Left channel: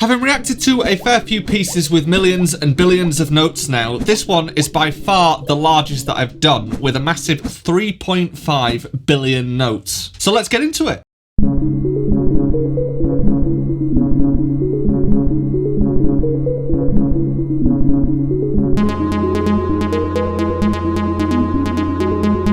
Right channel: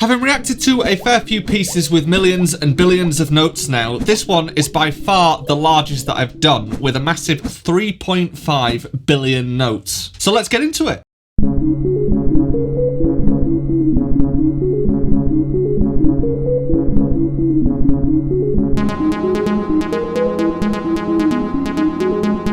Having reacted to a fair few pieces with millions and billions of notes now, this one is by far the largest that I've done, with a massive 3.5 billion notes. So let's get into it.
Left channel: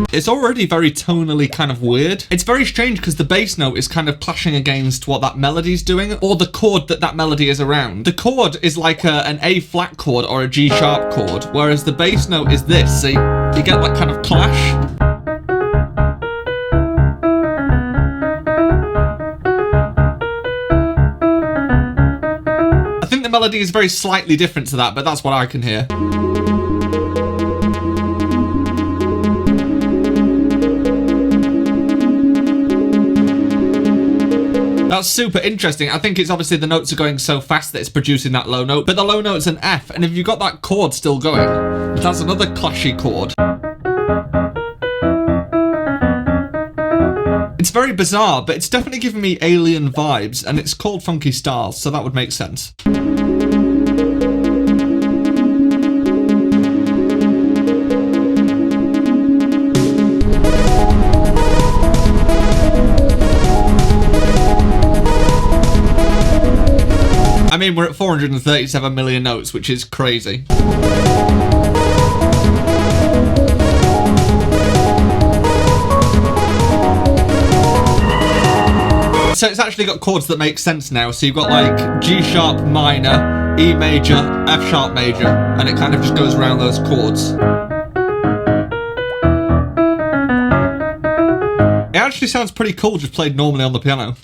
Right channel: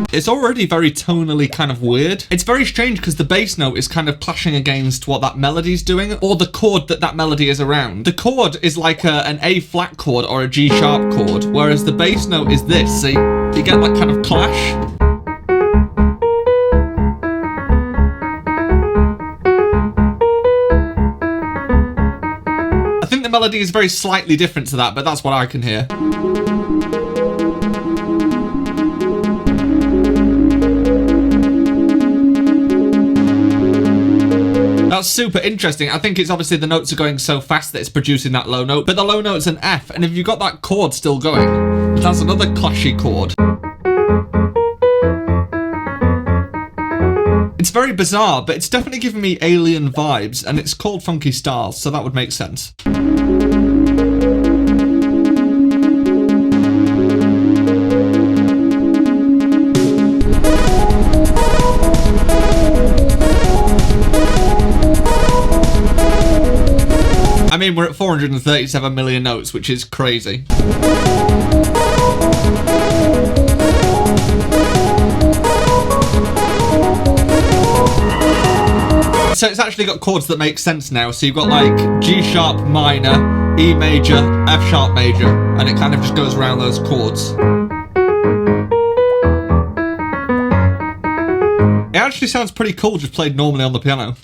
It's already very tonally kind of weird. It's very strange because the bass note is kind of clashing against what that melody's doing, or the chord that melody is around. The chord is like an A flat chord or a G sharp chord, whereas the bass note is this. See, you get that kind of clash. I think the melody is very slightly different to that, but that's what I can hear. That's super interesting. I think it's obviously the notes are going so fast that it's producing that low note, but the low note's an F, and if you've got that chord still going, that's another clashy chord. It's very bizarre, but it's definitely giving me alien vibes, and it's called Funky Stars, so that would make sense. I mean, we're at 437 million notes, which is crazy. So it's actually got chords that make sense now. So you've got like G sharp minor, E major, F sharp major, and it kind of just goes around those chords. It actually sounds pretty cool just played normally on the piano.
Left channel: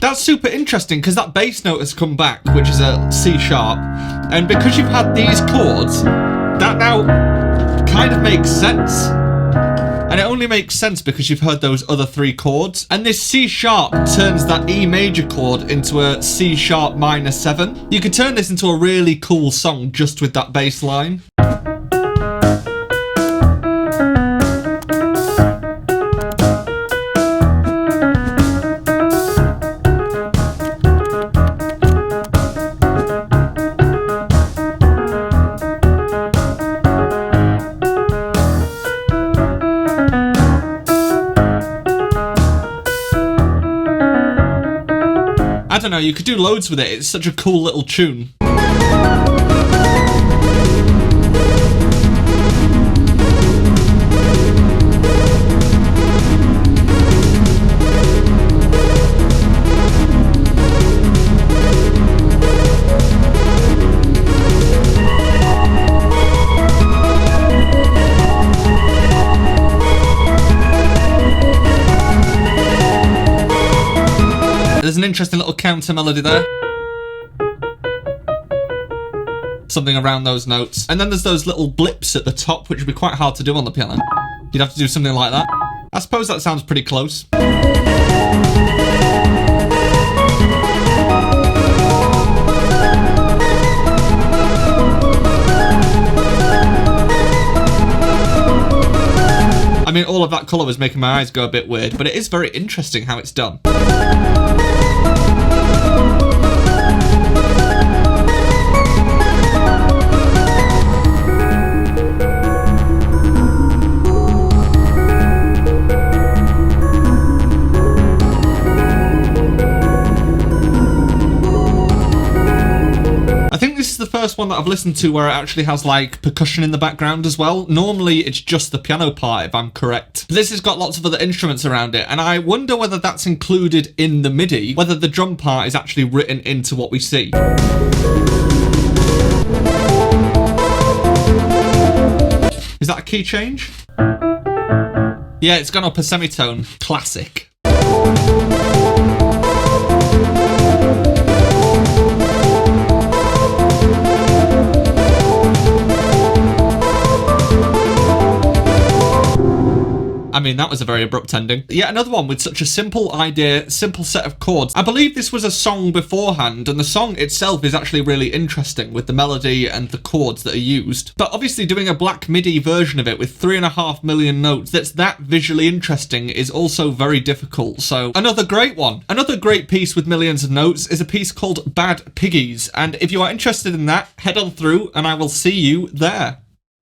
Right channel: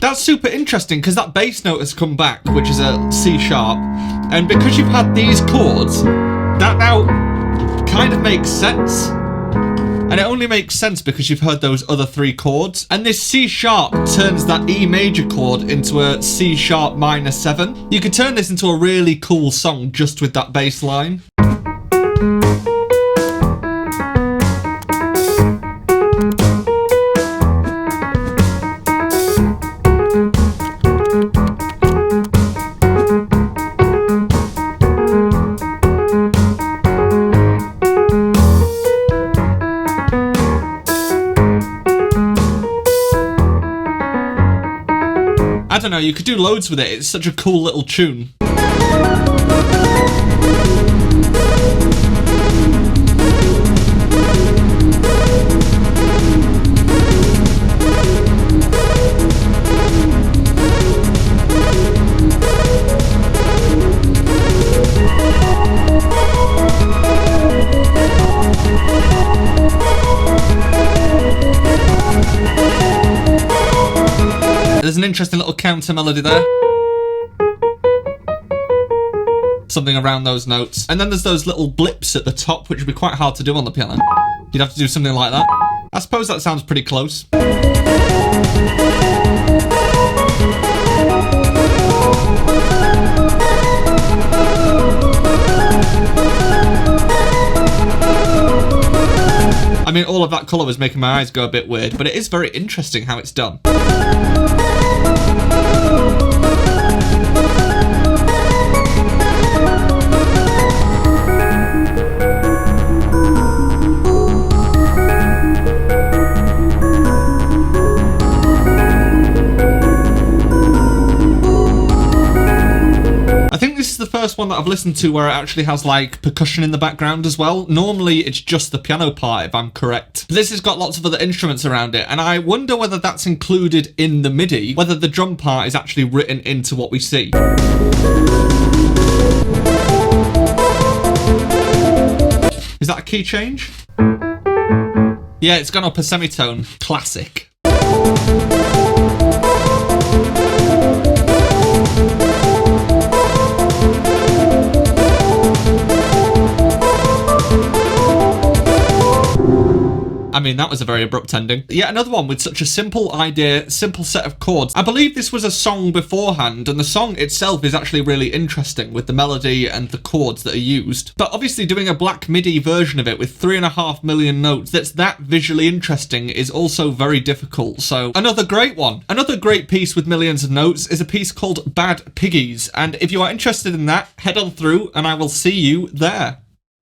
That's super interesting because that bass note has come back, which is a C sharp, and because you've had these chords, that now kind of makes sense. And it only makes sense because you've heard those other three chords, and this C sharp turns that E major chord into a C sharp minor 7. You could turn this into a really cool song just with that bass line. I don't know, you could do loads with it. It's such a cool little tune. There's an interesting little counter melody there. Something around those notes. And then there's those little blips at the top, which would be quite hard to do on the piano. You'd have to do something like that. I suppose that sounds pretty close. I mean, all of that colour was making my eyes go a bit weird, but it is very interesting how it's done. The first one that I've listened to where it actually has like percussion in the background as well. Normally it's just the piano part, if I'm correct. But this has got lots of other instruments around it, and I wonder whether that's included in the MIDI, whether the drum part is actually written into what we see. Is that a key change? Yeah, it's gone up a semitone. Classic. I mean, that was a very abrupt ending. Yet another one with such a simple idea, simple set of chords. I believe this was a song beforehand, and the song itself is actually really interesting with the melody and the chords that are used. But obviously doing a black MIDI version of it with 3.5 million notes that's that visually interesting is also very difficult. So another great one. Another great piece with millions of notes is a piece called Bad Piggies. And if you are interested in that, head on through and I will see you there.